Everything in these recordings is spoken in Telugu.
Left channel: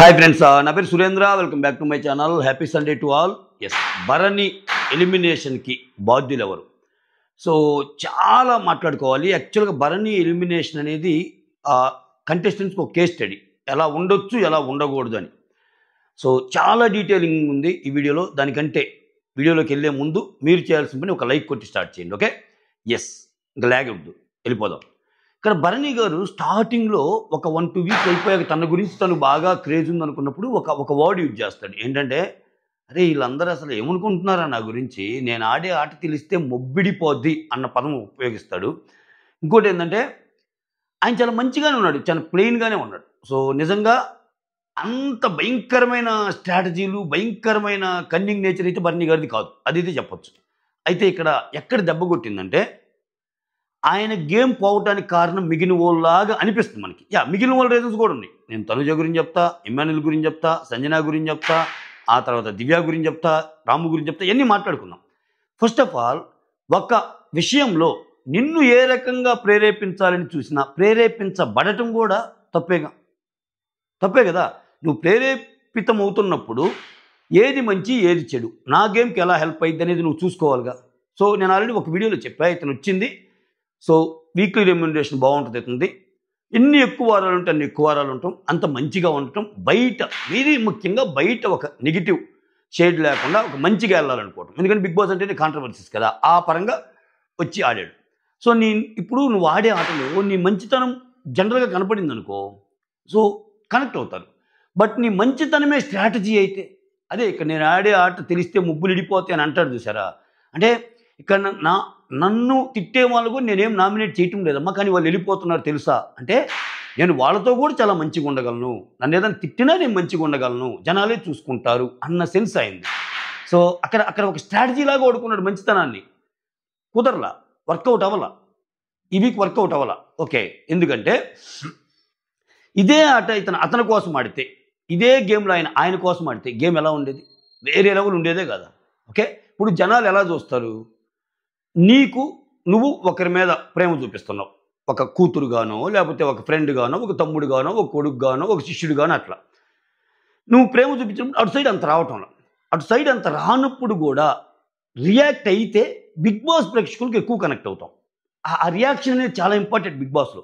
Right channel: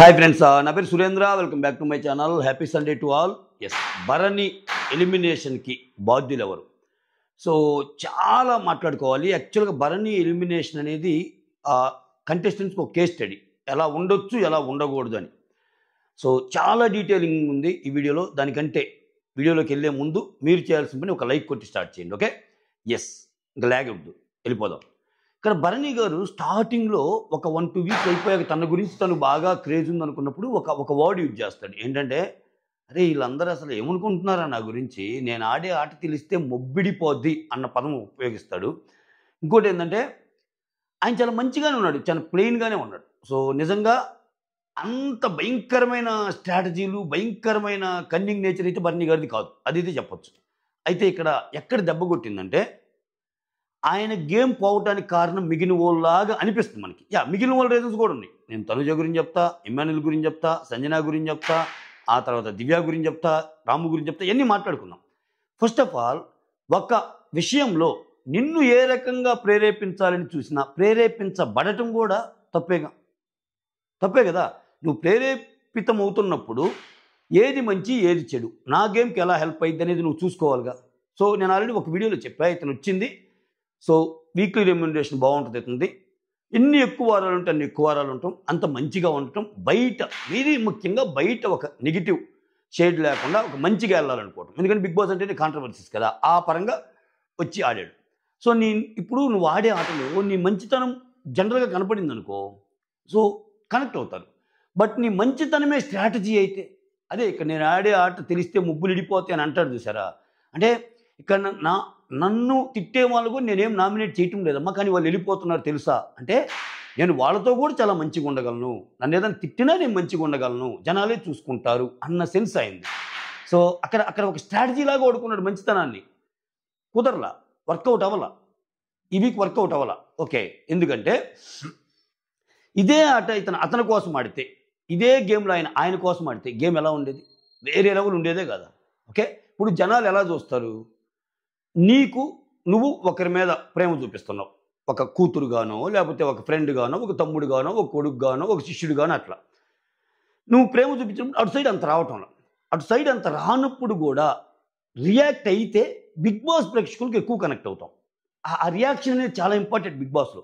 హాయ్ ఫ్రెండ్స్, నా పేరు Surendra. Welcome back to my channel. Happy Sunday to all. Yes, Bharani ఎలిమినేషన్కి బాధ్యులు ఎవరు? సో చాలా మాట్లాడుకోవాలి. యాక్చువల్గా భరణి ఎలిమినేషన్ అనేది కంటెస్టెంట్స్కి ఒక కేస్ స్టడీ, ఎలా ఉండొచ్చు ఎలా ఉండకూడదు అని. సో చాలా డీటెయిలింగ్ ఉంది ఈ వీడియోలో. దానికంటే వీడియోలోకి వెళ్ళే ముందు మీరు చేయాల్సిన పని ఒక లైక్ కొట్టి స్టార్ట్ చేయండి. ఓకే, ఎస్, ఇంకా లాగ్ వద్దు, వెళ్ళిపోదాం. ఇక్కడ భరణి గారు స్టార్టింగ్లో ఒక 1-2 వీక్స్ అయిపోయాక తన గురించి తను బాగా క్రేజ్ ఉందనుకున్నప్పుడు ఒక వర్డ్ యూజ్ చేస్తాడు. ఏంటంటే, అరే వీళ్ళందరూ అసలు ఏమనుకుంటున్నారా నా గురించి, నేను ఆడే ఆట తెలిస్తే మొబ్బిడిపోద్ది అన్న పదం ఉపయోగిస్తాడు. ఇంకోటి ఏంటంటే, ఆయన చాలా మంచిగానే ఉన్నాడు, చాలా ప్లెయిన్గానే ఉన్నాడు. సో నిజంగా అంత భయంకరమైన స్ట్రాటజీలు, భయంకరమైన కన్నింగ్ నేచర్ అయితే భరణి గారిది కాదు, అదైతే చెప్పొచ్చు. అయితే ఇక్కడ ఎక్కడ దెబ్బ కొట్టిందంటే, ఆయన గేమ్ పోవటానికి కారణం మిగిలిన వాళ్ళలాగా అనిపిస్తుంది మనకి. మిగిలిన వాళ్ళ రీజన్స్ కూడా ఉన్నాయి. నేను తనుజ గురించి చెప్తా, ఇమ్మాన్యుల్ గురించి చెప్తా, సంజన గురించి చెప్తా, ఆ తర్వాత దివ్య గురించి చెప్తా, రాము గురించి చెప్తా, ఇవన్నీ మాట్లాడుకుందాం. ఫస్ట్ ఆఫ్ ఆల్, ఒక విషయంలో నిన్ను ఏ రకంగా ప్రేరేపించాలని చూసినా ప్రేరేపించబడటం కూడా తప్పే కదా. నువ్వు ప్రేరేపితం అవుతున్నప్పుడు ఏది మంచి ఏది చెడు, నా గేమ్కి ఎలా హెల్ప్ అయ్యింది అనేది నువ్వు చూసుకోవాలిగా. సో నేను ఆల్రెడీ ఒక వీడియోలో చెప్పా, ఇతను వచ్చింది. సో వీక్లీ రెమ్యునరేషన్ బాగుంటుంది అవుతుంది. ఎన్ని ఎక్కువ వారాలు ఉంటే అన్ని ఎక్కువ వారాలు ఉంటాం, అంత మంచిగా ఉండటం. బయట వెరీ ముఖ్యంగా బయట ఒక నెగిటివ్ షేడ్ లేకుండా ఒక మంచిగా వెళ్ళాలనుకోవటం. ఎందుకంటే బిగ్ బాస్ అంటేనే కాంట్రవర్సీస్ కదా, ఆ పరంగా వచ్చి ఆడాడు. సో ఇప్పుడు నువ్వు ఆడే ఆటలో నీ మంచితనం జనరల్గా కనపడింది అనుకో, సో కనెక్ట్ అవుతారు. బట్ నీ మంచితనమే స్ట్రాటజీ అయితే, అదే ఇక్కడ నేను ఆడే ఆట తెలిస్తే ముగ్గులు ఇడిపోతాయి అని అంటాడు చూసారా. అంటే ఇక్కడ నన్ను తిట్టే వాళ్ళు కూడా నేనేం నామినేట్ చేయటం లేదమ్మా, కానీ వాళ్ళు వెళ్ళిపోతున్నారు తెలుసా అంటే, నేను వాళ్ళతో కూడా చాలా మంచిగా ఉండగలను, నన్ను ఏదైనా తిట్టినా నేను మంచిగా ఉండగలను, జనాలే చూసుకుంటారు అన్న సెన్స్ అయింది. సో అక్కడ ఒక స్ట్రాటజీ లాగా వాడుకున్నాడు మంచితనాన్ని. కుదరలా, వర్కౌట్ అవ్వాలా, ఈ వీక్ వర్కౌట్ అవ్వాలా. ఓకే, ఎందుకంటే ఇదే ఆట అతని కోసం ఆడితే, ఇదే గేమ్లో ఆయన కోసం ఆడితే గేమ్ ఎలా ఉండేది? వేరే లెవెల్ ఉండేదే కదా. ఓకే, ఇప్పుడు జనాలు ఎలా చూస్తారు? నువ్వు ఒకరి మీద ప్రేమ చూపిస్తున్నావు, ఒక కూతురుగానో, లేకపోతే ఒక ఫ్రెండ్గానో, ఒక తమ్ముడుగానో, ఒక కొడుకుగానో, ఒక శిష్యుడిగానో, అట్లా నువ్వు ప్రేమ చూపించినప్పుడు అటు సైడ్ అంత రావటంలో, అటు సైడ్ అంత రానప్పుడు కూడా రియాక్ట్ అయితే బిగ్ బాస్ ప్రేక్షకులకు ఎక్కువ కనెక్ట్ అవుతాం. ఆ రియాక్షన్ అనేది చాలా ఇంపార్టెంట్ బిగ్ బాస్లో.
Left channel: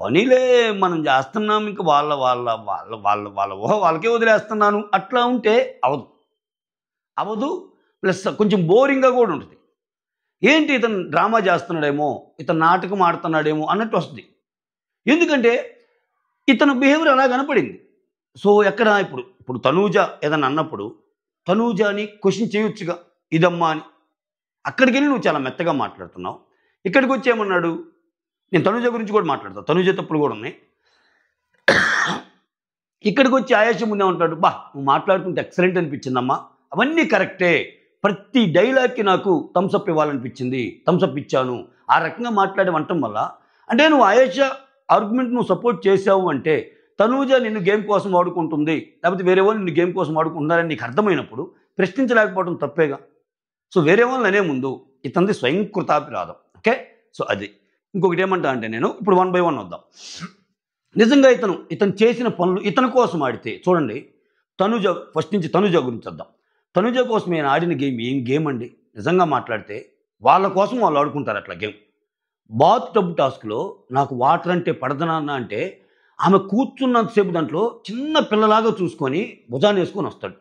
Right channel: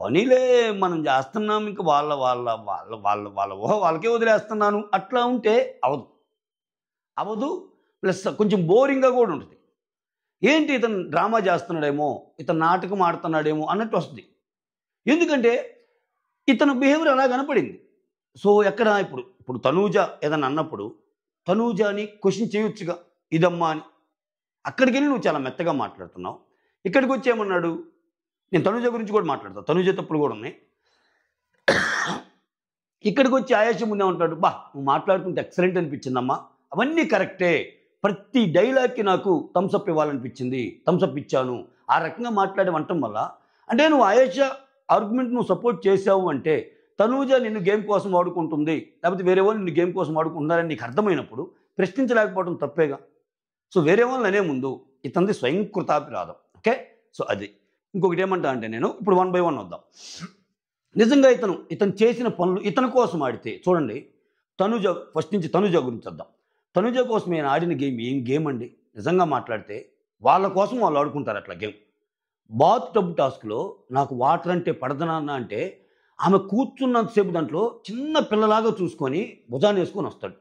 పనిలే మనం చేస్తున్నాం, ఇంకా వాళ్ళ వాళ్ళ వాళ్ళ వాళ్ళ వాళ్ళ ఊహ వాళ్ళకే వదిలేస్తున్నాను అట్లా ఉంటే అవదు. ప్లస్ కొంచెం బోరింగ్గా కూడా ఉంటుంది. ఏంటి ఇతను డ్రామా చేస్తున్నాడేమో, ఇతను నాటకం ఆడుతున్నాడేమో అన్నట్టు వస్తుంది. ఎందుకంటే ఇతను బిహేవియర్ అలా కనపడింది. సో ఎక్కడ ఇప్పుడు తనూజ ఏదన్నా అన్నప్పుడు తనూజని క్వశ్చన్ చేయొచ్చుగా, ఇదమ్మా అని. అక్కడికి వెళ్ళి నువ్వు చాలా మెత్తగా మాట్లాడుతున్నావు. ఇక్కడికి వచ్చి ఏమన్నాడు, నేను తనూజ గురించి కూడా మాట్లాడతాను, తనూజ తప్పులు కూడా ఉన్నాయి. ఇక్కడికి వచ్చి ఆయాసం ముందే ఉంటాడు, నువ్వు మాట్లాడుతుంటే ఎక్సలెంట్ అనిపించిందమ్మా, అవన్నీ కరెక్టే, ప్రతి డైలాగ్కి నాకు థమ్స్అప్ ఇవ్వాలనిపించింది, థమ్స్అప్ ఇచ్చాను, ఆ రకంగా మాట్లాడి వంటం వల్ల. అంటే నువ్వు ఆయేష ఆర్గ్యుమెంట్ నువ్వు సపోర్ట్ చేసావు అంటే తనూజ నిన్ను గేమ్ కోసం ఆడుకుంటుంది, లేకపోతే వేరే వాళ్ళు నిన్ను గేమ్ కోసం ఆడుకుంటున్నారని నీకు అర్థమైనప్పుడు ప్రశ్నించలేకపోవడం తప్పేగా. సో వేరే వాళ్ళని అనే ముందు ఇతనిది స్వయంకృతాభిరాధం. ఓకే, సో అది. ఇంకొకటి ఏమంటా అంటే, నేను ఇప్పుడు 1 by 1 వద్దాం. నిజంగా ఇతను చేసిన పనులు ఇతని కోసం ఆడితే చూడండి. తనూజ ఫస్ట్ నుంచి తనూజ గురించి వద్దాం. తనూజ కోసం నేను ఆడిన గేమ్ ఏం గేమ్ అండి? నిజంగా మాట్లాడితే వాళ్ళ కోసం వాళ్ళు ఆడుకుంటారు అట్లా గేమ్. బాత్ టబ్ టాస్క్లో నాకు వాటర్ అంటే పడదనాన్న అంటే, ఆమె కూర్చున్నంతసేపు దాంట్లో చిన్న పిల్లలాగా చూసుకొని భుజాన్ని వేసుకొని వస్తాడు.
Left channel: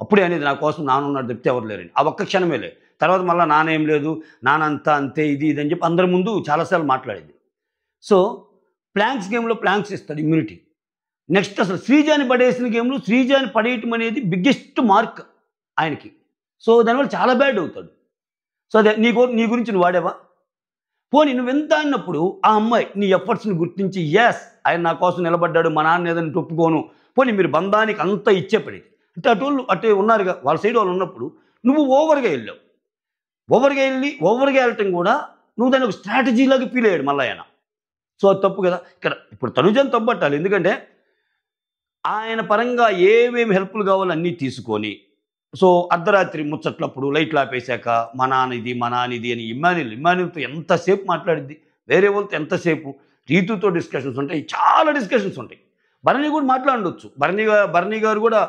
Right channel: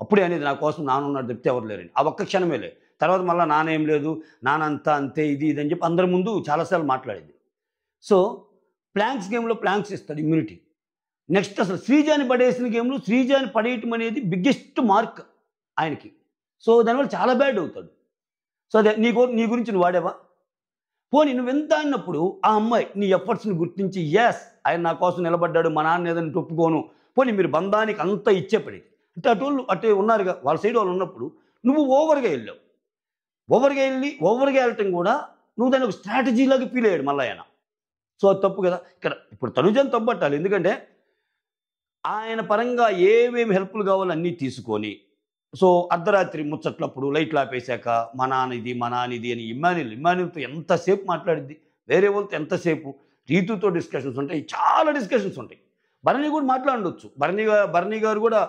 అప్పుడే అనేది నా కోసం నానున్నాడు చెప్తే ఎవరు లేరని. ఆ ఒక్క క్షణమేలే. తర్వాత మళ్ళీ నానేం లేదు, నానంతా అంతే, ఇది అని చెప్పి అందరి ముందు చాలాసార్లు మాట్లాడేది. సో ప్లాంక్స్ గేమ్లో ప్లాంక్స్ ఇస్తాడు, ఇమ్యూనిటీ. నెక్స్ట్ అసలు శ్రీజాని పడేసిన గేమ్లో శ్రీజాని పడేయటం అనేది బిగ్గెస్ట్ మార్క్ ఆయనకి. సో దానివల్ల చాలా బ్యాడ్ అవుతాడు. సో అదే నీ గురించి నువ్వు వాడేవా? పోనీ నువ్వెంత అన్నప్పుడు ఆ అమ్మాయి నీ ఎఫర్ట్స్ని గుర్తించి, ఎస్ ఆయన నా కోసం నిలబడ్డాడు, మా నాన్న ఏదని ఒప్పుకోను, పోనీ మీరు బంధానికి అంతా ఇచ్చేపడేది అంటే అటు ఉన్నారుగా వాళ్ళ సైడ్ వాళ్ళు ఉన్నప్పుడు నువ్వు ఓవర్గా వెళ్ళావు. ఓవర్గా వెళ్ళటం కూడా నువ్వు దాన్ని ఒక స్ట్రాటజీలాగా ఫీల్ అయ్యాడు మళ్ళీ ఆయన. సో అది తప్పు కదా. ఇప్పుడు తనుజని తప్పట్టాలి, ఎందుకంటే ఆయన పరంగా ఏమేమి హెల్ప్లు కావాలో అన్నీ తీసుకొని, సో అర్ధరాత్రి ముచ్చట్లప్పుడు లైట్లు ఆపేశాక మా నానిది అని ఇమ్మాన్యుల్తో ఎంతసేపు మాట్లాడిద్ది, వేరే వాళ్ళతో ఎంతసేపు, రీతుతో డిస్కషన్స్ ఉంటాయి, చాలా డిస్కషన్స్ ఉంటాయి. భరణి కూడా మాట్లాడొచ్చు, భరణి గారు కూడా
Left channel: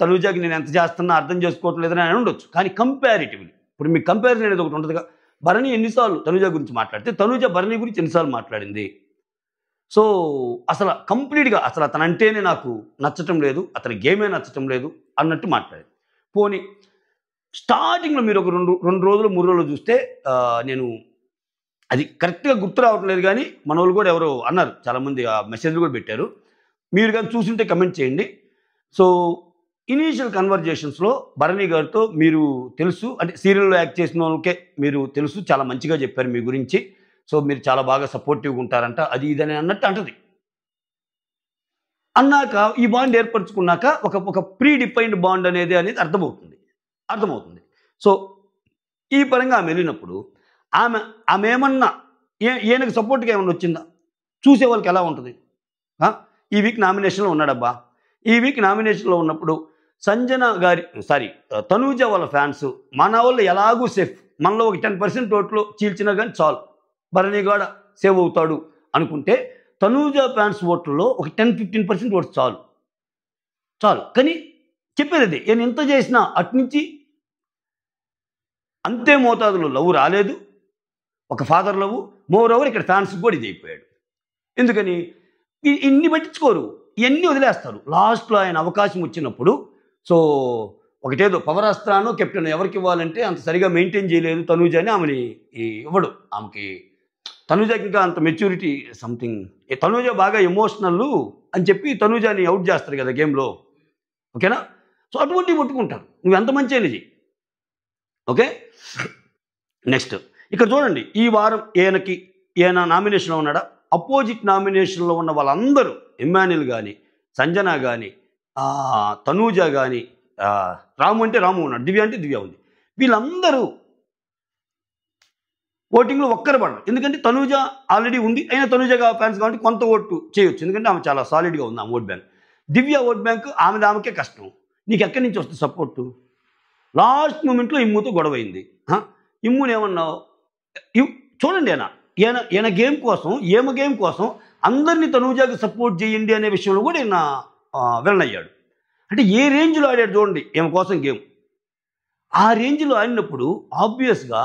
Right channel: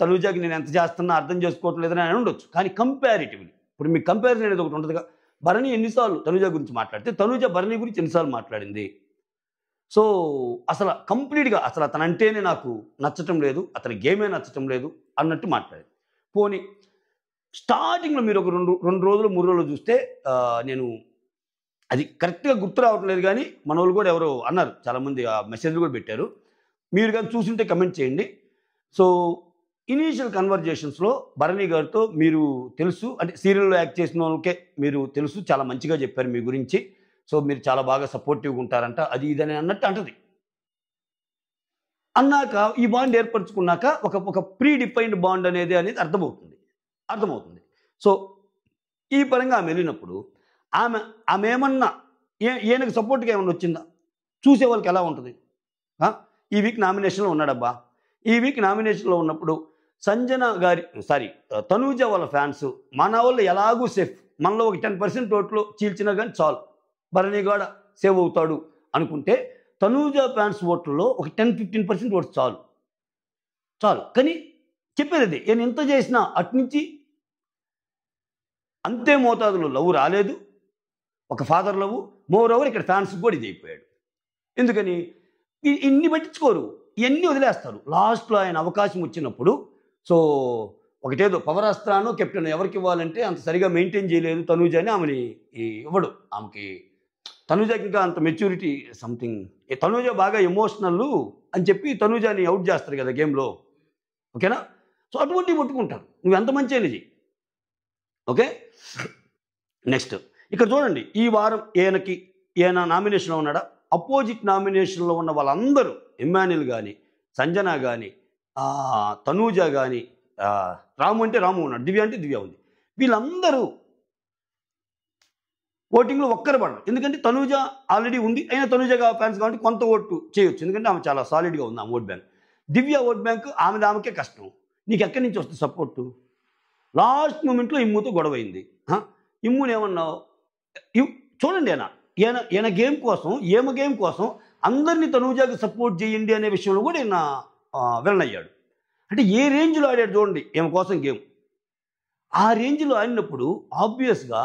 తనూజాకి నేను ఎంత చేస్తున్నా అర్థం చేసుకోవట్లేదని అని ఉండొచ్చు. కానీ కంపారిటివ్లీ ఇప్పుడు మీకు కంపారిజన్ అనేది ఒకటి ఉంటుందిగా. భరణి ఎన్నిసార్లు తనూజ గురించి మాట్లాడితే తనూజ భరణి గురించి ఎన్నిసార్లు మాట్లాడింది. సో అసలు కంప్లీట్గా అసలు అతనంటేనే నాకు నచ్చటం లేదు, అతని గేమే నచ్చటం లేదు అన్నట్టు మాట్లాడేది. పోనీ స్టార్టింగ్లో మీరు ఒక రెండు రోజులు 3 రోజులు చూస్తే నేను అది కరెక్ట్గా గుర్తు రావటం లేదు, కానీ మన వాళ్ళు కూడా ఎవరో అన్నారు, చాలామంది ఆ మెసేజ్లు కూడా పెట్టారు. మీరు కానీ చూసింటే కమెంట్ చేయండి. సో ఇనీషియల్ కన్వర్జేషన్స్లో భరణి గారితో మీరు తెలుసు, అంటే సీరియల్లో యాక్ట్ చేసిన వాళ్ళకే మీరు తెలుసు, చాలా మంచిగా చెప్పారు మీ గురించి, సో మీరు చాలా బాగా సపోర్టివ్గా ఉంటారంట, అది ఇదని అన్నట్టు అంటది. అన్నాక ఈ బాండ్ ఏర్పరచుకున్నాక ఒక ప్రీ డిఫైన్డ్ బాండ్ అనేది అర్థమవుతుంది. సో ఈ పరంగా ఆమె వెళ్ళినప్పుడు ఆమె ఏమన్నా ఈయనకు సపోర్ట్గా ఏమన్నా వచ్చిందా? చూసే వాళ్ళకి ఎలా ఉంటుంది? ఈ వీక్ నామినేషన్లో ఉన్నాడబ్బా, ఈ వీక్ నామినేషన్లో ఉన్నప్పుడు తనూజ వాళ్ళ ఫ్యాన్స్ మన వాళ్ళు ఎలాగూ సేఫ్, మనలో ఒక 10% ఓట్లు చీల్చినా కానీ చాలు, భరణి కూడా సేవ్ అవుతాడు అనుకుంటే తనూజ ఫ్యాన్స్ ఓట్లలో ఒక 10-15% ఓట్స్ చాలు. కానీ చెప్పేది అదే, నేను ఎంత చేసినా అట్నుంచి అంతే మోతాదులో లవ్ రాలేదు, ఒక ఫాదర్ లవ్. మోర్ ఓవర్ ఇక్కడ ఫ్యాన్స్ కూడా ఇది అయిపోయాడు. ఎందుకని ఇన్ని పట్టించుకోరు, ఇవన్నీ వదిలేస్తారు. లాస్ట్లో ఆయన అవకాశం వచ్చినప్పుడు సో ఒకటేదో పవర్ అస్త్రానో కెప్టెన్ ఎవరికి ఇవ్వాలంటే అంత సరిగా మెయింటైన్ చేయలేదు తనూజ అని ఆమెని ఇవ్వడు. ఆమెకి తనూజకి ఇంకా అంత మెచ్యూరిటీ సంథింగ్, తనూజ బాగా ఎమోషనల్ అని చెప్పి తనూజని అవుట్ చేస్తారు కదా గేమ్లో, ఓకేనా? సో అటువంటివి ముట్టుకుంటారు, నువ్వు ఎంత మంచి అయినది. ఓకే, నెక్స్ట్ ఇక్కడ చూడండి, ఈ వారం ఈయన నామినేషన్లో ఉన్నాడా? అపోజిట్ నామినేషన్లో ఉన్న వాళ్ళందరూ, ఇమ్మాన్యుల్ కానీ, సంజన కానీ, తనూజ కానీ, రాము అంటే రాము ఉన్నాడు, దివ్య అంటే దివ్య ఉంది, వీళ్ళందరూ ఓటింగ్లో ఒక్కరు పడరు. ఎందుకంటే తనూజ ఆల్రెడీ ఉంది, అయినా తనూజ ఫ్యాన్స్ కాబట్టి కొంత ఓటు చేయొచ్చు, ఎందుకంటే ఆమె చాలా సాలిడ్గా ఉంది ఆమె ఓట్ బ్యాంక్. దివ్య ఓట్ బ్యాంక్ ఆమెకే కష్టం, నీకు ఎక్కడి నుంచి వస్తుంది సపోర్టు? లాస్ట్ మూమెంట్లో ఇమ్ముతో గొడవైంది. ఇమ్ముని ఏమన్నావు? చూడండి, ఈయన గేమ్ కోసం, గేమ్ కోసం అందరినీ తనూజాకి సపోర్ట్ చేయండి అనే విషయంలో కూడా ఈయన వెళ్ళనయ్యాడు. అంటే ఏ రేంజ్లో ఆడాడు చూడండి ఈమె కోసం గేమ్. ఆ రేంజ్లో ఆడినప్పుడు ఆబ్వియస్గా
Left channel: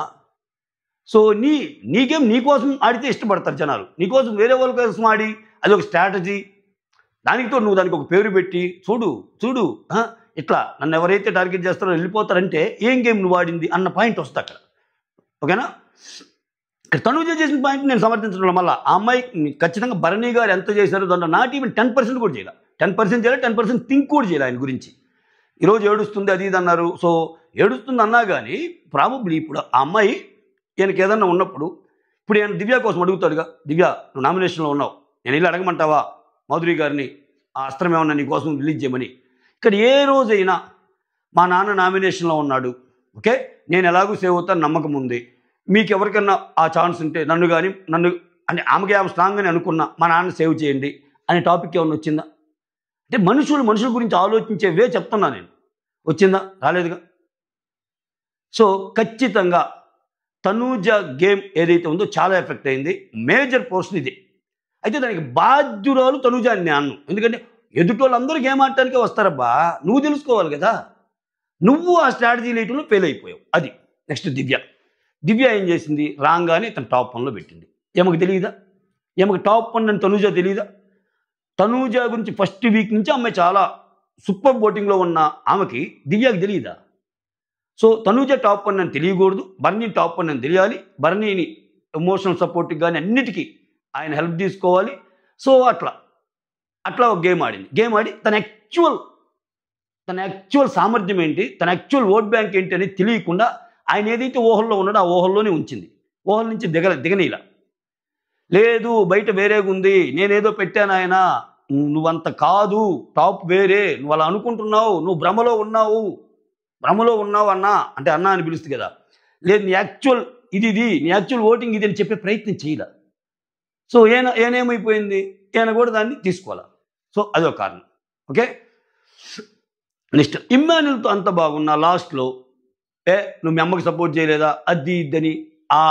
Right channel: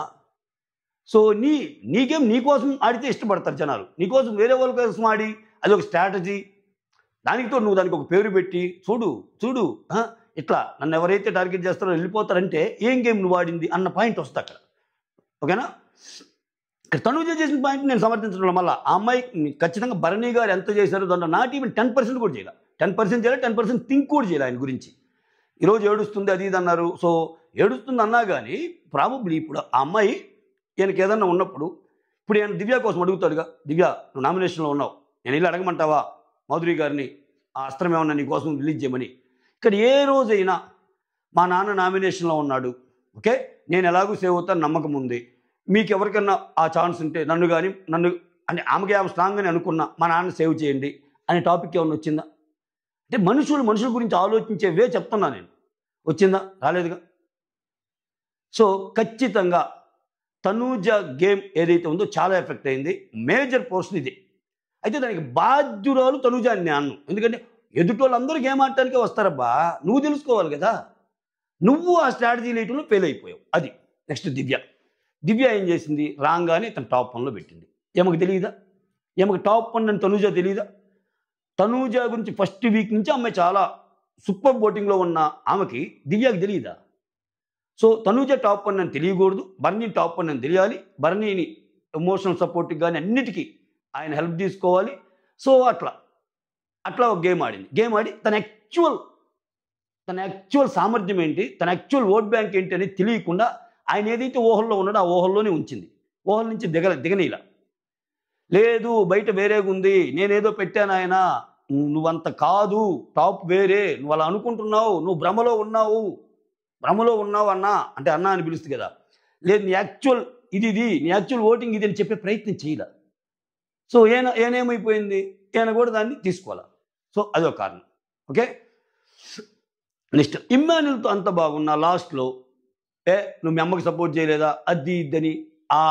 సో నీ గేమ్ నీ కోసం ఆడితే ఇష్టపడతారు జనాలు, నీకోసం వేరే వాళ్ళ కోసం ఆడి అది ఒక స్ట్రాటజీ, దానితో నువ్వు దానికి ఒక పేరు పెట్టి చూడు ఇట్లా నన్ను ఎవరైతే టార్గెట్ చేస్తారో వెళ్ళిపోతారంటే ఏం గేమ్ నువ్వు ఆడింది అన్న పాయింట్ వస్తుంది అక్కడ, ఓకేనా? ఇక్కడ తనూజ చేసిన పాయింట్ నేను సమర్థించడం వల్ల ఆ అమ్మాయి ఖచ్చితంగా భరణి గారు ఎంత చేశారో దాంట్లో నాట్ ఈవెన్ 10% కూడా చేయాలి, 10% థింక్ కూడా చేయాలి ఆయన గురించి. ఈరోజు ఏడుస్తుంది అది ఇది అన్నారు, సో ఏడుస్తుంది అన్నా కానీ ప్రాబబ్లీ ఇప్పుడు ఆ అమ్మాయి ఈయనకి ఏదన్నా ఉన్నప్పుడు ఇప్పుడు ఈయన దివ్య కోసం అడుగుతాడుగా, దివ్య నువ్వు నామినేషన్లో ఉన్నావు, నేను వెళ్ళి అడగమంటావా మాధురి గారిని ఆ అస్త్రం ఏమన్నా నీ కోసం రిలీజ్ చేయమని? ఇక్కడ ఏ రోజైనా మా నాన్న నామినేషన్లో ఉన్నాడు, ఓకే, నేను ఎలాగూ సేవ్ అవుతాను నమ్మకం ఉంది, మీకు ఎవరికన్నా ఆ ఛాన్స్ ఉంటే నన్ను అంటే ఆమెకి ఆమె స్ట్రాంగ్ అని అనుకున్నా మా నాన్న సేవ్ చేయండి అనే టాపిక్ ఏమన్నా వచ్చిందా? అంటే మనుషుల గురించి ఆలోచించే వే చెప్తున్నా నేను, వచ్చిందా? రాలేదుగా. సో ఖచ్చితంగా తనూజ గేమ్ ఏదైతే ఉందో చాలా ఎఫెక్ట్ అయింది, మేజర్ పోర్షన్ ఇదే. అయితే దానికి బాధ్యురాలు తనూజ అని నేను అన్ను, ఎందుకంటే ఎదుటోళ్ళందరూ గేమ్ ఆడటానికే వస్తారబ్బా, నువ్వు తెలుసుకోవాలి కదా, నువ్వు ఆ స్ట్రాటజీ లేటంలో ఫెయిల్ అయిపోయావు. అది నెక్స్ట్ దివ్య ఏం చేసింది? రాగానే తన టాప్ 1లో పెట్టింది. ఏమకు తెలియదా? ఏమకు టాప్ 1 అని తనూజ తెలియదా? తనూజ గురించి ఫస్ట్ వీక్ నుంచి అమ్మాయి చాలా సూపర్ ఓటింగ్లో ఉన్న ఆమెకి దివ్యకి తెలియదా? సో తనూజ టాప్ 1 అని తెలియకూడదు, భరణి టాప్ 1 అని తెలియాలి, భరణిని ఎమోషనల్ సపోర్ట్కి కానీ అన్నిటికీ ఆయన హెల్ప్ తీసుకోవాలి. సో అట్లా ఒక గేమ్ ఆడి తన యాక్చువల్ సామర్థ్యం ఏంటి, తన యాక్చువల్ ఓట్ బ్యాంక్ ఏంటి అనేది తెలియకుండా ఆయన ఏదైతే ఊహల్లో ఉన్నాడో ఆ ఊహల్లోనే ఉంచింది, ఊహల నుంచి దిగనీలా. లేదు బయట వేరేగా ఉంది, నేనేదో పెట్టాను ఆయన, నువ్వంత కాదు, టాప్ వేరే, నువ్వు అలా అనుకుంటున్నావు, నువ్వు భ్రమలో ఉన్నావు అన్నా అంటే అన్నా అని పిలుస్తుంది కదా, లేదు నీ యాక్చువల్ నీ యాక్చువల్ ఓటింగ్ ఇది అని చెప్పే ప్రయత్నం చేయలే. సో ఏనేమైపోయింది, ఈయన కూడా దాన్ని తీసుకోవాలి. సో అదొక కారణం. ఓకే, నెక్స్ట్ ఇమ్మాన్యుల్తో అంత బాగున్నా లాస్ట్లో నువ్వు మీ అమ్మకి సపోర్ట్ చేయలేదా అది ఇద్దని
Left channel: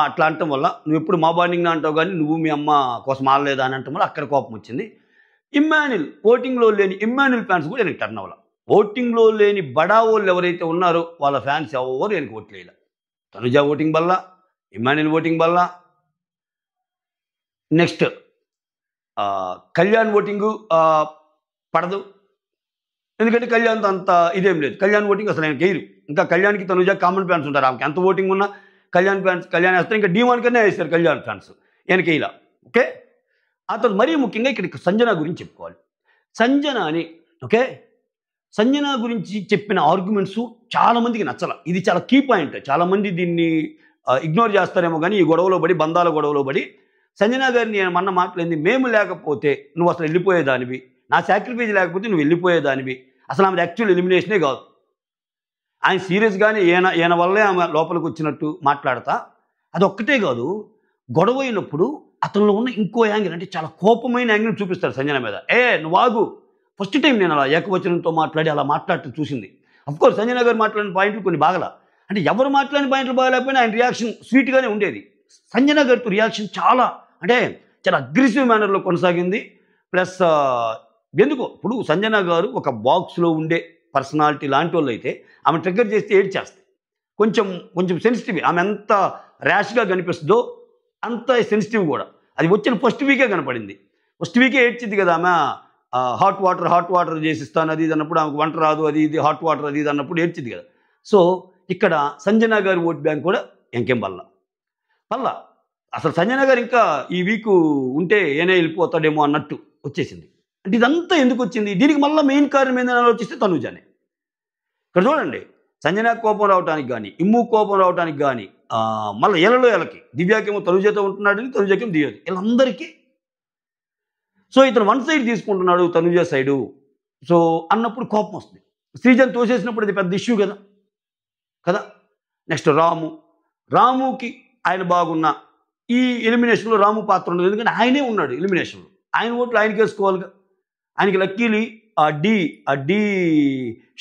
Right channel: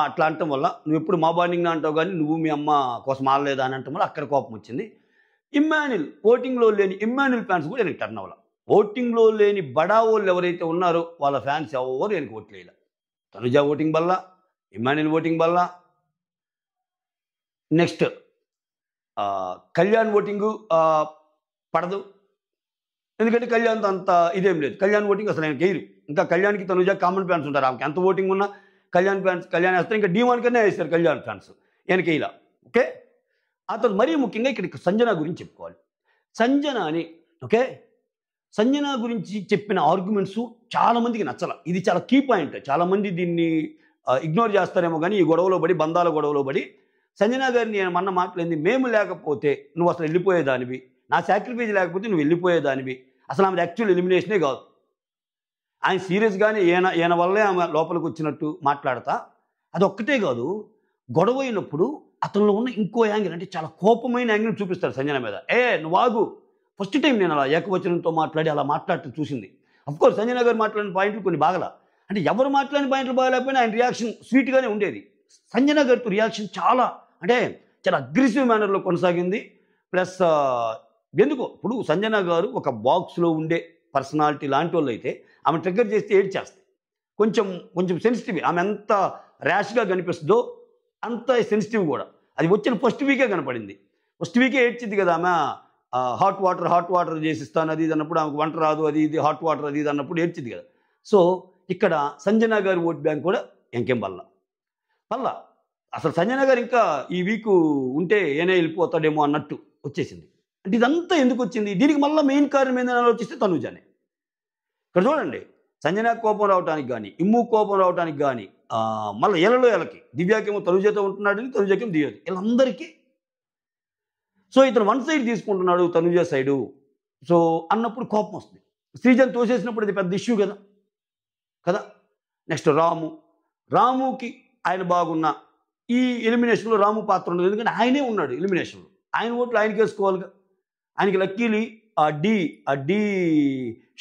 అట్లా అనటం వల్ల, నువ్వు ఎప్పుడు మా బాండింగ్నా అంటావు కానీ నువ్వు మీ అమ్మ కోసం ఆడలేదా అని అనటం వల్ల అక్కడ కోపం వచ్చింది. ఇమ్మాన్యుల్ ఓటింగ్లో లేని ఇమ్మాన్యుల్ ఫ్యాన్స్ కూడా వెనక్కి టర్న్ అవ్వాలి. ఓటింగ్లో లేని బడా వాళ్ళు ఎవరైతే ఉన్నారో వాళ్ళ ఫ్యాన్స్ ఎవరు వెనక్కి ఓట్లేదు. తనుజ ఓటింగ్ వల్ల, ఇమ్మాన్యుల్ ఓటింగ్ వల్ల, నెక్స్ట్ కళ్యాణ్ ఓటింగు పడదు. ఎందుకంటే కళ్యాణ్తో అంత ఇదేం లేదు. కళ్యాణ్ ఓటింగ్ అసలు ఆయన గెయిరు. ఇంకా కళ్యాణ్కి తనుజ కామన్ ఫ్యాన్స్ ఉంటారు. ఆమెకి ఎంత ఓటింగ్ ఉన్నా కళ్యాణ్ ఫ్యాన్స్ కళ్యాణ్ వేస్తారు. ఇంకా D1 కన్నా వేస్తారు కళ్యాణ్ ఫ్యాన్స్, ఈయనకి ఇలా. ఓకే, అతను మరీ ముఖ్యంగా ఇక్కడ సంజన గురించి చెప్పుకోవాలి. సంజన అని ఓకే, సంజన గురించి చెప్పిన ఆర్గ్యుమెంట్స్ చాలా మందికి నచ్చల. ఇది చాలా కీ పాయింట్. చాలా మంది దీన్ని ఇగ్నోర్ చేస్తారేమో కానీ ఈ గొడవలో పడి, బంధాల గొడవలో పడి సంజన గారిని నేను మొన్న మాట్లాడింది, మేము లేకపోతే నువ్వు అసలు వెళ్ళిపోయేదానివి, నా సాక్రిఫైస్ లేకపోతే నువ్వు వెళ్ళిపోయేదానివి, అసలు ఆమె యాక్చువల్ ఎలిమినేషనే కాదు. ఆయన సీరియస్గానే ఈయన వల్లే ఆమె లోపలికి వచ్చినట్టు మాట్లాడతా. అది ఒక్కటే కాదు, గొడవ అయినప్పుడు అతనిలో ఉన్న ఇంకో యాంగిల్, అంటే చాలా కోపమైన యాంగిల్ చూపిస్తాడు సంజన మీద. నువ్వు ఆగు, ఫస్ట్ టైం నేను అలా ఏకవచనంతో మాట్లాడి అలా మాట్లాడుతూ చూసింది. అఫ్కోర్స్ సంజన గారు మాట్లాడిన పాయింట్లు కొన్ని బాగలా, అంటే ఎవరు మాట్లాడిన పాయింట్లు బాగలేకపోయినా ఆయన రియాక్షన్ స్వీట్గానే ఉండేది. సంజన గారితో రియాక్షన్ చాలా అగ్రెసివ్ మేనర్లో కొనసాగింది. ప్లస్ ఎందుకో ఇప్పుడు సంజన గారు ఒక బాక్స్లో ఉండే పర్సనాలిటీ లాంటి వాళ్ళు అయితే ఆమె ట్రిగ్గర్ చేస్తే ఏడ్చేస్తాయి. కొంచెం సెన్సిటివ్. ఆమె ఎంత ర్యాష్గా కనిపిస్తుందో అంత సెన్సిటివ్ కూడా. అది వచ్చిన ఫస్ట్ వీకే కనపడింది. ఫస్ట్ వీకే ఏడ్చింది కదా ఆమె. హాట్ వాటర్ చేసిస్తాను అది ఇది అన్నప్పుడు, ఆమెకు వంట రాదు అది ఇది, హాట్ వాటర్ అది ఇది అన్నప్పుడు ఏడ్చింది కదా. సో ఇక్కడ సంజన గారి ఓట్ బ్యాంక్ కూడా ఇంకేం వల్ల అసలు సంజన గారు ఇంకా ఈ వీక్ ఉంటే ఏనే వెళ్ళిపోతాడేమో అన్నట్టు వచ్చేసింది. అంటే ఇదంతా ఎందుకు వచ్చింది? దీనికి మళ్ళీ మెయిన్ కారణం ఏందని ఆలోచిస్తే తనుజానే. ఇక్కడ చూడండి, సంజన కోపం రావడానికి కానీ, ఇమ్ము కోపం రావడానికి కానీ, మళ్ళీ ఎలకి దివ్యాకేమో తనుజతో ఉంటున్నాడని, తనుజకేమో దివ్యతో, వీళ్ళందరికీ సో ఇతను వన్ సైడ్ తీసుకుంటున్నాడు తనుజ సైడు. సో అన్నప్పుడు కోపం వస్తుంది. శ్రీజన్ తోసేసినప్పుడు అది పెద్ద ఇష్యూ కదా. నెక్స్ట్ రాముకి ఆయన బాగున్న ఈ ఎలిమినేషన్లో రాము పాత్ర ఉండదు. ఎందుకంటే ఆయనే ఉన్నాడు ఎలిమినేషన్లో, ఆయన ఓట్లు ఆయనకి వేసుకోవాలిగా. ఆయనకి లక్కీలీ ఆ డి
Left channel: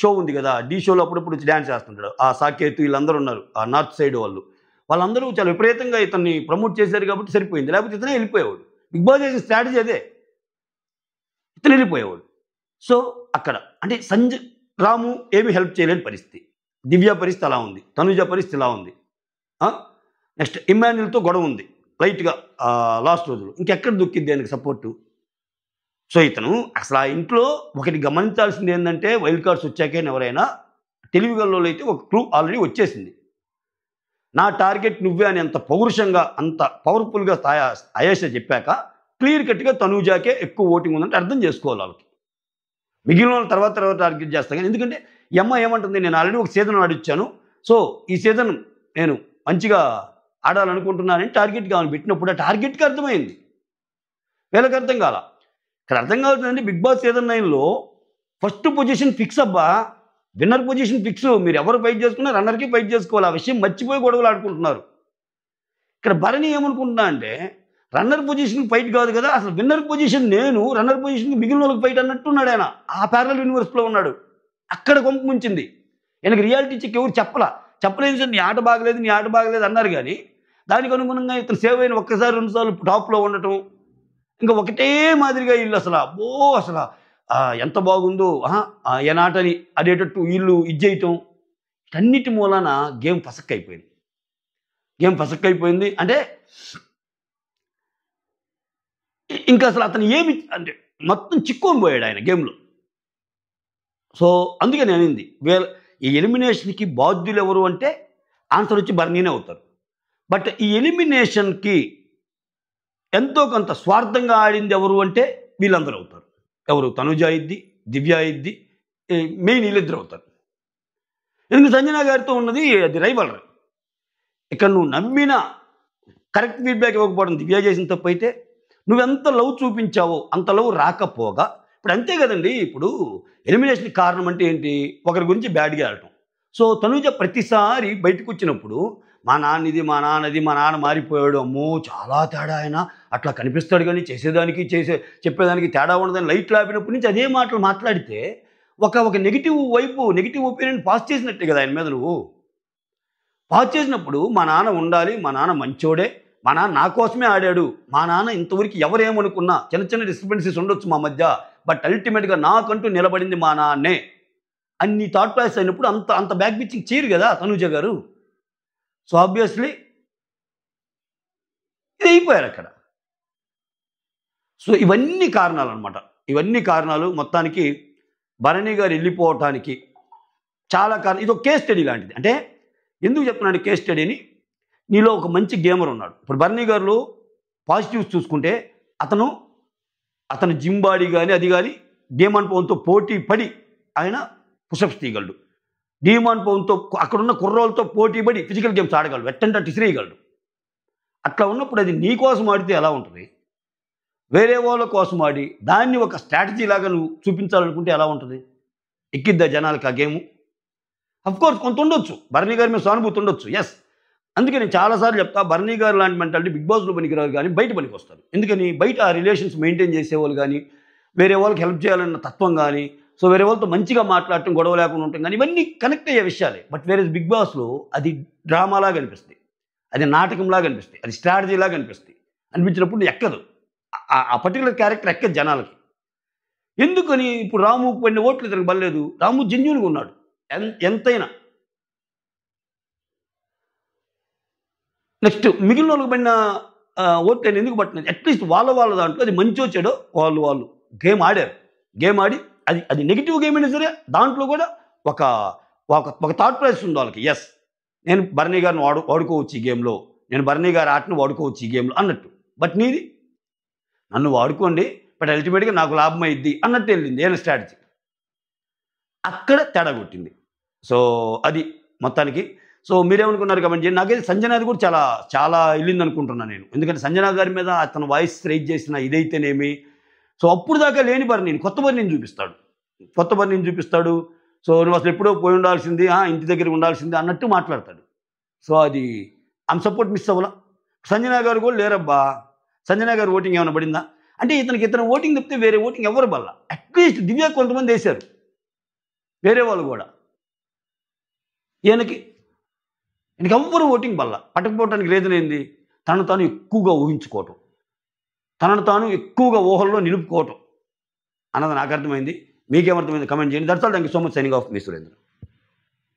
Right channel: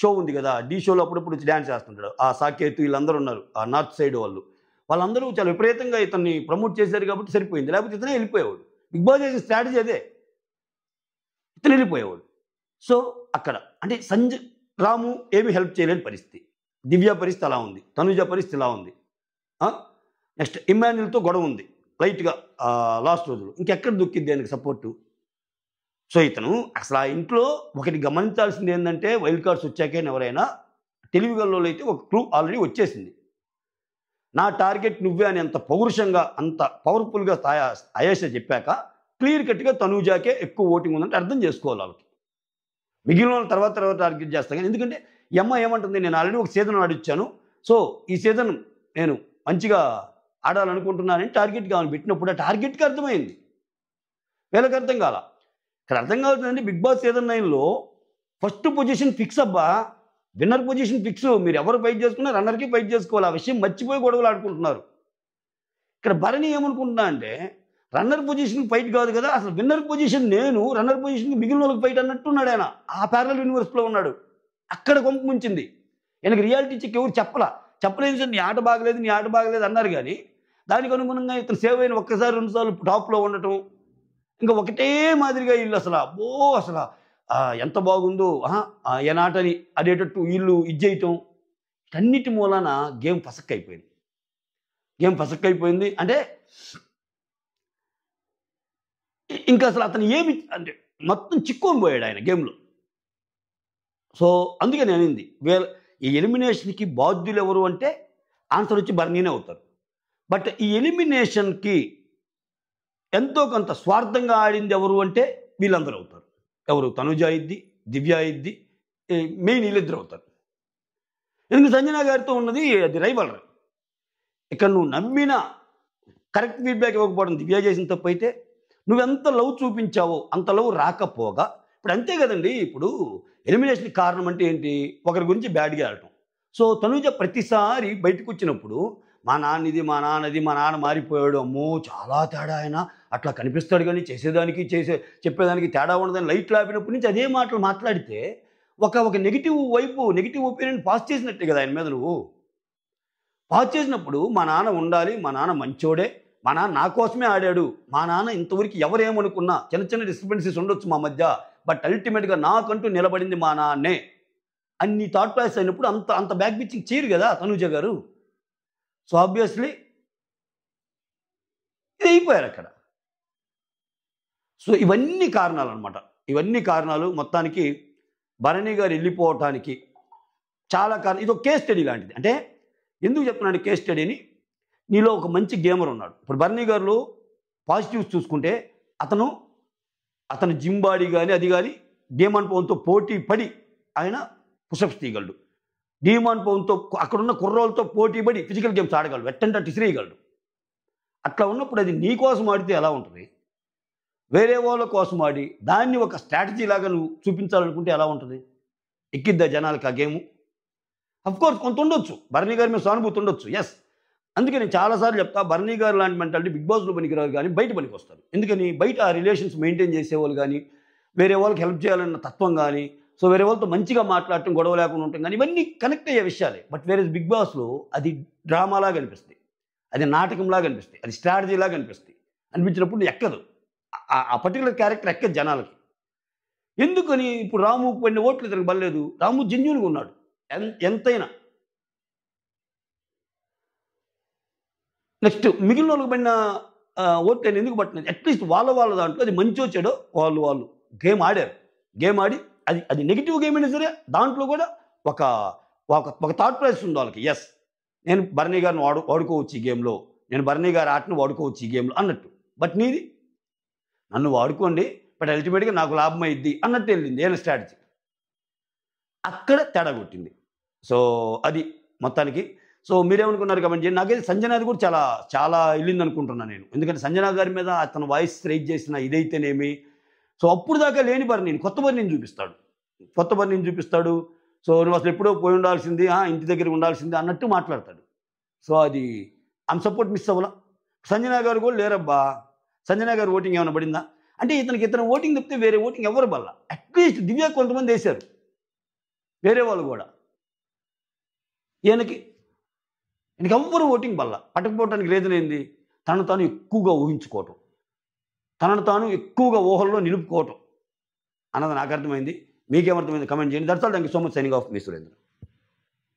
షో ఉంది కదా, డి షోలో అప్పుడప్పుడు వచ్చి డ్యాన్స్ చేస్తుంటాడు. ఆ సాకేత్ వీళ్ళందరూ ఉన్నారు, ఆ నార్త్ సైడ్ వాళ్ళందరూ చాలా విపరీతంగా ఇతన్ని ప్రమోట్ చేశారు కాబట్టి సరిపోయింది. లేకపోతే ఇతనే వెళ్ళిపోయేవాడు. బిగ్ బాస్ చేసిన స్ట్రాటజీ అదే, ఇతను వెళ్ళిపోయేవాడు. సో అక్కడ అంటే రాము ఏమీ హెల్ప్ చేయలేని పరిస్థితి, దివ్య పరిస్థితి అలా ఉంది, తనుజ పరిస్థితి ఇలా ఉంది. నెక్స్ట్ ఇమ్మాన్యుల్తో గొడవ ఉంది లైట్గా లాస్ట్ రోజులు. ఇంకెక్కడ దొక్కిద్ది ఆయనకి సపోర్టు? సో ఇతను అసలు ఆ ఇంట్లో ఒకటి గమనించాల్సింది ఏంటంటే, వైల్డ్ కార్డ్స్ వచ్చాకే ఎవరైనా తెలివిగల్లో అయితే ఒక క్లూ ఆల్రెడీ వచ్చేసింది. నా టార్గెట్ నువ్వే అని అంత పౌరుషంగా, అంత పవర్ఫుల్గా అయేష చెప్పాక క్లియర్ కట్గా తనూజాకే ఎక్కువ ఓటింగ్ ఉందంటే అర్థం చేసుకోవాలి వాళ్ళకి. మిగిలిన తర్వాత టార్గెట్ చేస్తాను కానీ, ఎందుకంటే ఈ అమ్మ ఏమంటుంది, నేను ఆల్రెడీ ఒక సీజన్ ఆడిచ్చాను, సో ఈ సీజన్ నేను మంచిగా ఆడాలనుకుంటున్నానని టార్గెట్ కావాలి పెట్టినప్పుడు ఆ టార్గెట్కి అర్థమైంది, వీళ్ళకి అర్థం కాల. ఇక్కడ అర్థం కావాల్సిందంటే బిగ్ బాస్ సీజన్ 9లో ఫస్ట్ పొజిషన్ ఫిక్స్ అబ్బా, విన్నర్ పొజిషన్ ఫిక్స్. మీరు ఎవరు ఫైట్ చేసుకున్నా రన్నర్కి ఫైట్ చేసుకోవాలి. ఆ విషయం మర్చిపోయి గొడవలు ఆడుకుంటున్నారు. ఇక్కడ భరణి ఏమనుకుంటున్నా అంటే, రన్నర్ పొజిషన్ ఫైట్ కాదు కదా, అసలు విన్నర్ పొజిషన్ నేను, రన్నర్ పొజిషన్ మిగిలిన వాళ్ళకి ఫైట్ అన్నట్టున్నాడు ఆయన. ఆ ప్యారలల్ యూనివర్స్లో ఉన్నాడు. అక్కడ కొంప ముంచింది. ఆయనకి రియాలిటీ చెక్ ఎవరు చెప్పలేదు సార్, నీ ఆట బాగలేదు అన్నారు. కానీ దానికి అనుగుణంగా ఇతను సేవ్ అయిన ఒక్కసారి 2 సార్లు టాప్లో ఉండటం, ఇంకా ఒకటే మాదిరిగా వీళ్ళు అసలు ఎంత బాగుందో ఏనాటని అదేటట్టు వీళ్ళు చేయటం, అన్నిటి మూలాన గేమ్ ఫసక్కైపోయింది. అంటే ఇంకా అసలు అతను ఏమి అంటే మొత్తం చిక్కుని పోయాడు ఆయన గేమ్లో. సో అందుకే నేను అనింది, ఈ ఎలిమినేషన్కి బాధ్యులు ఎవరు అంటే ఆన్సర్ వచ్చి బర్నీనే అవుతారు. బట్ ఈ ఎలిమినేషన్కి ఎంతో కొంత స్వార్థంగా ఆడింది ఎవరు అంటే వీళ్ళందరూ అవుతారు. ఎవరు? తనుజ ఇద్ది, దివ్య ఇద్ది, మెయిన్ వీళ్ళిద్దరు అవుతారు. ఎందుకు సంజన గారితో ఉన్నది అది రైవల్రీ. ఇక్కడ నువ్వు నమ్మిన కరెక్ట్ ఫీడ్బ్యాక్ ఇవ్వకపోవడం దివ్య చేసిన తప్పు అయితే, నువ్వెంత లవ్ చూపించావో అంత లవ్ రాకపోగా, ఇప్పుడు అంతే కదండి. ఇప్పుడు ఎలిమినేషన్ కారణం అంటే ఏంటి? ఒకరి గురించి బ్యాడ్గా ఆడటం. సో తనుజ ప్రతిసారి బయటకు వచ్చినప్పుడు మా నాన్నది, మా నాన్న మారిపోయాడు, అమ్మో చాలా తేడా, ఆయన అట్లా కనిపిస్తాడు కానీ చెప్పేదానికి తేడా ఉండదని లైట్ లాపినప్పటి నుంచి అదే మాటలు మాట్లాడితే ఒక నెగిటివ్ ఒపీనియన్ పాస్ చేసినట్టే కదా ఆయన మీద. నువ్వు పాస్ చేసినప్పుడు మా నాన్న ఉండాలి, మా నాన్న మంచోడే, మా నాన్న నా కోసమే ఆడాడు, మా నాన్న ఇంతవరకు ఎవరేమనుకున్నా చిన్న చిన్న డిస్టర్బెన్సెస్ ఉండొచ్చు మా మధ్య, బట్ అల్టిమేట్గా నాకంటూ నిలబడింది మా నాన్నే అన్ని థాట్ ప్రాసెస్ అయినప్పుడు అంత అంత బ్యాక్ పిచ్చింగ్ చేయరు కదా తనూజ గారు. సో ఆబ్వియస్లీ ఇది అయిపోయారు అక్కడ. సో ఇవన్నీ కారణాలు అనమాట. ఇవన్నీ కారణాలు మొత్తానికి భరణి గారు వెళ్ళిపోవటానికి చాలా కారణం. ఇది ఒక కేస్ స్టడీ లాంటిది. అంటే ఎందుకు చెప్తున్నాను కేస్ స్టడీని? నీలో ఒక మంచి గేమర్ ఉన్నాడు. ఇప్పుడు భరణి గారిలో పాజిటివ్స్ చూసుకుంటే అతను జిమ్ బాడీ కానీ అది కానీ డీమాన్ పవన్తో పోటీ పడి ఆయన పుషప్స్ తీయగలడు. డీమాన్ పవన్తో అక్కడున్న కుర్రోళ్ళతో పోటీ పడి ఫిజికల్ గేమ్స్ ఆడగలడు, ఎట్టంటే అటు ఇసిరేయగలడు. అట్లా ఉన్నప్పుడు అది నీ కోసం ఆడితే ఎలా ఉంటుంది? వేరే వాళ్ళ కోసం ఆడి దాన్ని ఒక స్ట్రాటజీ లాగా నువ్వు చూపించాలనుకుంటే ఎలా ఉంటుంది? ఎక్కిద్దా జనాలకి ఆ గేము? అఫ్కోర్స్ కొంత ఉండొచ్చు, భరణి గారి మీద సానుభూతి ఉండొచ్చు, ఎస్. అందుకే నేను చాలాసార్లు చెప్తా, భరణి గారు లాంటి మెంటాలిటీ బిగ్ బాస్లో పనికిరారు కానీ బయట పనికి వస్తారు. ఎందుకని? బయట ఆ రిలేషన్స్ మెయింటైన్ చేసేవాళ్ళు కానీ, వేరే వాళ్ళకి హెల్ప్ చేయాలన్న తత్వం కానీ, సో వేరే వాళ్ళతో మంచిగా మాట్లాడటం, గొడవ లేకుండా ఉండటం కానీ, ఇవన్నీ కనెక్ట్ అయ్యే విషయాలే. బట్ వేరే బిగ్ బాస్లో అది డ్రామాలాగా అనిపిస్తుంది, అది నాటకంలాగా అనిపిస్తుంది, అది స్ట్రాటజీలాగా అనిపిస్తుంది. అనిపించినప్పుడు ఎక్కదు, ఆ పర్టికులర్ క్యారెక్టర్ ఎక్కదు జనాలకి. ఎందుకని? ఇప్పుడు రాము పడిన ఓట్లు ఇతనికి బలేదు. రాము జెన్యూన్గా ఉన్నాడు ఎంతైనా. నెక్స్ట్ మిగిలిన వాళ్ళకి పడిన ఓట్లు అని ఎందుకు పట్టినది? అట్లీస్ట్ వాళ్ళ దాంట్లో అది మంచో చెడో వాళ్ళు గేమ్ ఆడారు. గేమ్ ఆడి అది నెగిటివ్ గేమ్ అయినా సరే దాంట్లో కూడా ఒక థాట్ ప్రాసెస్ ఉంది వాళ్ళకి. ఎస్, నేను భరణి గారిని వాడుకోవచ్చు ఈ గేమ్లో, నేను భరణి గారి ఆటను వాడుకోవచ్చు ఈ గేమ్లో అన్నట్టు. బట్ నీది నన్ను వాడుకోండి బట్ అల్టిమేట్గా నాకు లాభం అయింది అన్నట్టు వెళ్ళింది ఏం స్ట్రాటజీ. అక్కడ తేడా కొట్టింది. సో అది మొత్తానికి. సో మీరేమనుకున్నారు కమెంట్ చేయండి. నాకైతే సంజనాది కూడా చాలా చాలా వెళ్ళింది అనుకుంటున్నాను నేను. ఎందుకంటే సంజనా గారి మీద అతను వాయిస్ రైజ్ చేసిన ఇదైతేనేమి, సో అప్పుడు దాకా లేని భరణిని కొత్త భరణిని చూపిస్తాడు. సో నువ్వు అసలు ఎప్పుడో పోయి ఉండాల్సింది, ఇంటి దగ్గర ఉండాల్సింది అన్నట్టు మాట్లాడతాడు. సో అది ఆమె సపోర్ట్ మిస్ అవ్వాల. సంజనా గారు కూడా లేరబ్బా, సంజనా గారు ఓటింగ్ ఏమైనా పడిందా అంటే ఇతను ఓటింగ్ తప్పితే వేరే ఓటింగ్ ఎవరు బల్ల. అట్లీస్ట్ దివ్య కొంతమంది వేశారు వేరే వాళ్ళు కూడా. ఈయనకి ఎవ్వరు ఓటింగ్ బల్ల. పట్టకపోవటానికి రీజన్ ఏంది? తనను తాను ఎక్కువగా ఊహించుకోవటం, తనను తాను ఎక్కువగా ఊహల్లో నిలుపుకోవటం అన్నది నాకు అర్థమైంది. మీకేమర్థమైంది కమెంట్ చేయండి. That's all. Thank you so much. Signing off me Surendra.